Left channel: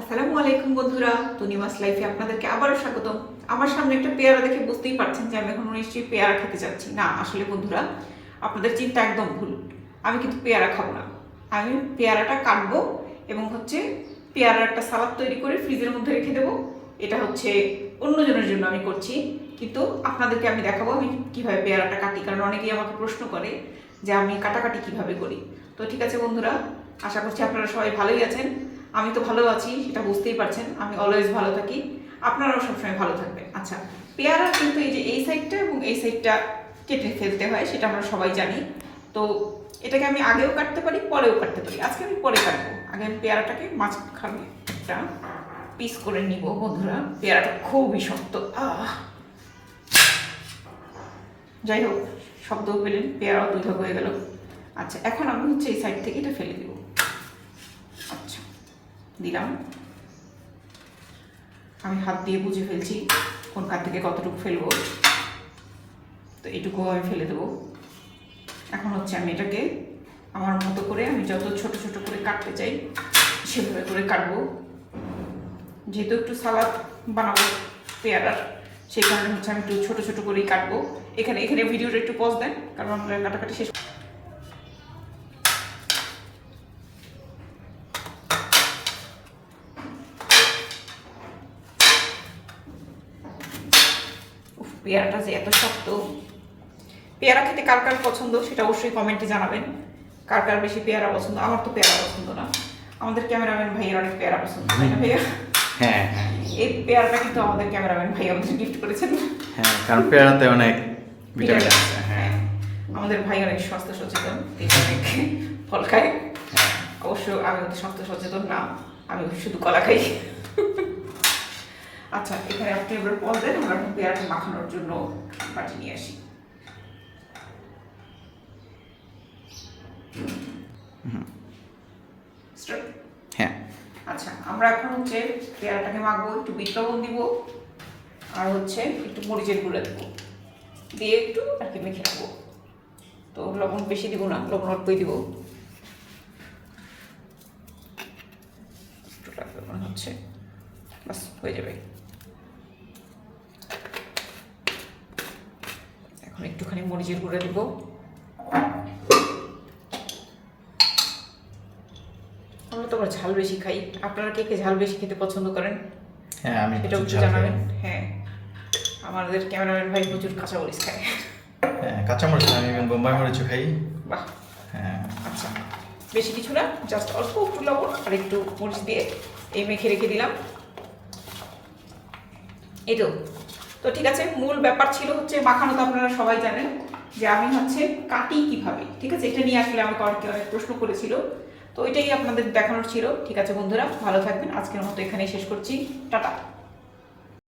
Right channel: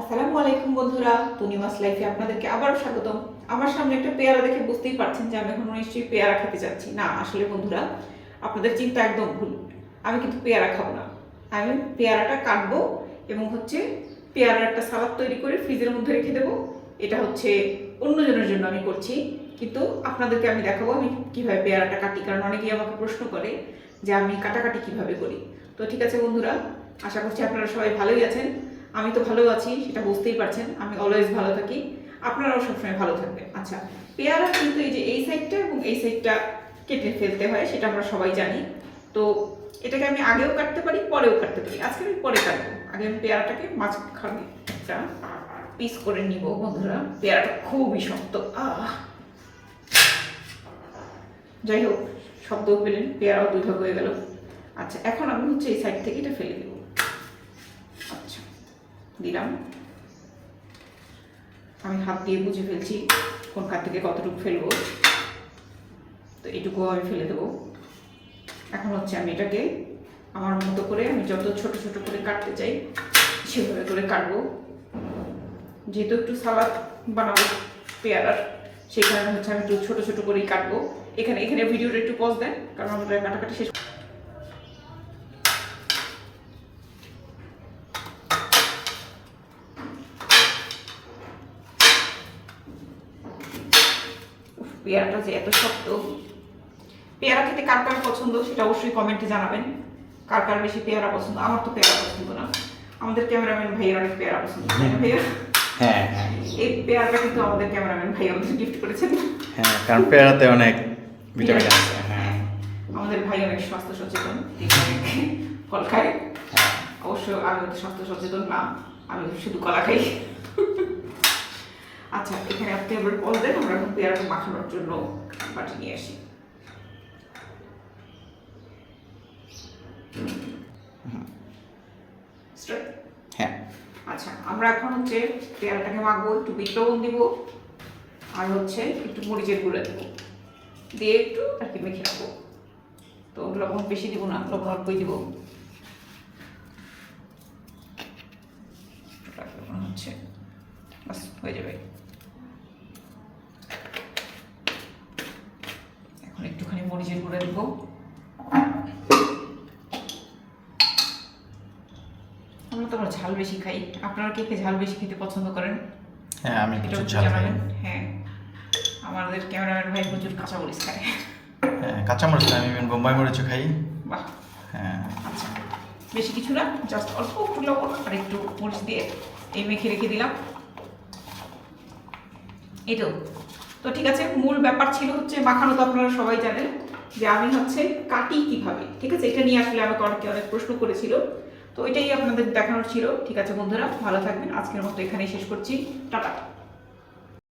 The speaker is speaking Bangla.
আসসালামু আলাইকুম বন্ধুরা, তনিমাস লাইফে আপনাদেরকে আবারও স্বাগতম। আমার সামনে একটা পেয়ারা দেখে বুঝতেই পারছেন যে আমি এখন নিশ্চয়ই পেয়ারা খেতে যাচ্ছি না। আসলে বন্ধুরা, আপনাদের চিন্তা একদম ভুল। আমি কিন্তু পেয়ারা খাবো না। আমি পেয়ারাটা কাটবো এবং পেয়ারার একটা সালাদ তৈরি করে ফ্রিজের মধ্যে রেখে দেবো। এটা অন্যজনের জন্য আমি করছি, কিন্তু আপনাদেরকে আমি দেখাবো আমি কিভাবে পেয়ারাটা কাটি, কারণ অনেকেই আমাকে প্রশ্ন করে যে আমি কাটাকাটি কিভাবে করি। তো ঠিক আছে বন্ধুরা, আশা করছি আপনারা সবাই ভালোই আছেন। আমি তো ভালো আছি, সেটা বুঝতেই পারছেন। আমি অলওয়েজ ভালো থাকি, আপনারাও সবসময় ভালো থাকবেন। আচ্ছা, পেয়ারা কিন্তু এই সাইডটা এবং এই সাইডটা কেটে ফেলতে হয়, সেটা আমরা সবাই জানি। তো এটাকে আমি আগেও কাটতে পারি, পরেও কাটতে পারি। আজকে আমি পরে কাটবো। আগে আমি পেয়ারাটাকে মাঝখানে একটা পিস করে নিব বন্ধুরা। পেয়ারাটা খুবই শক্ত। যাই হোক, শব্দও পেলেন, পেয়ারাও দুই ভাগ হয়ে গেল। আচ্ছা, এখন আমি এই সাইড থেকে এটা ফেলে দেবো। আচ্ছা, দিলাম। আমি হাত দিয়ে বুঝে ফেলছি কোন কাঠ থেকে কতটুকু ফেলবো, তো এইটুকু আমি ফেলে দেবো। এখন আমি এটাকে আমার মতো করে আমি যত ছোট ছোট করে কাটতে চাই সেভাবে করে কাটবো। যেহেতু একটু সালাদ বানাবো পেয়ারার, সেই কারণে আমি একটু ছোট ছোট করেই কাটবো। এখানে ভিডিওটা একটু পজ দেন, কারণ আমরা কাটাকাটি শেষ। পেয়ারাটা যে এত শক্ত। পেয়ারা খেতে কার কার পছন্দ সেটা অবশ্যই কমেন্টে জানাবেন। কার কার বেশি পেয়ারা পছন্দ? আমার তো পেয়ারা পছন্দ না, আমাদের ক্যামেরাম্যান ভাইয়ের অনেক পেয়ারা পছন্দ, তাই না ভাইয়া? হ্যাঁ, এই পেয়ারাটা কিন্তু আমাদের ক্যামেরাম্যান ভাই আমাদের গিফট করেছেন। হ্যাঁ, কারণ পেয়ারাতে অনেক ভিটামিন আছে। হ্যাঁ, আমাদের ভাই অনেক স্বাস্থ্য সচেতন, অনেক ফল খায়। অবশ্য আমি অতি স্বাস্থ্য সচেতন না, আমি শুধু কলা খাই। আচ্ছা, এখানে আপনি এবার পজ দেন, আমরা এখন পেয়ারাটা মাখানোর জন্য বাটি নিয়ে আসি। হ্যাঁ। আচ্ছা, আমরা এখন পেয়ারাটাকে মাখবো, একটু বিট লবণ দিব, আর একটু মরিচের গুঁড়া দেবো, দিয়ে একটু আর কি মেখে রাখবো। তো লবণ বেশি দিব না, লবণ অল্পই দিব। বাস হয়ে যাবে। এখন একটুখানি মরিচের গুঁড়া দিব। আমরা তো ঝাল বেশি খাই, আপনারা কে কে ঝাল বেশি খেতে পছন্দ করেন? হ্যাঁ, আমি এটা একটু ঝাল খাই। হ্যাঁ, আমাদের ক্যামেরাম্যান ভাই প্রচুর কাঁচা মরিচ খায়। হ্যাঁ, কাঁচা মরিচ না, আমি বোম্বাই মরিচও খাই। বাহ। হ্যাঁ। আচ্ছা, বেশি কিছু না, জাস্ট অল্প একটু লবণ আর একটু মরিচ দিয়ে এই মেখে রেখে দিলাম। এই তো ঠিক আছে। মূল ব্যাপার ছিল মাখানো, তো আপনারা সবাই জানেন যে আমি কাটি কিভাবে। ঠিক আছে, এটা নিয়ে আসলে আমাকে অনেক প্রশ্ন করেছিল, তো এটাই আপনাদের দেখানোর ছিল। ঠিক আছে বন্ধুরা, ভালো থাকবেন। আজকের মতো এখানেই শেষ করছি। টাটা।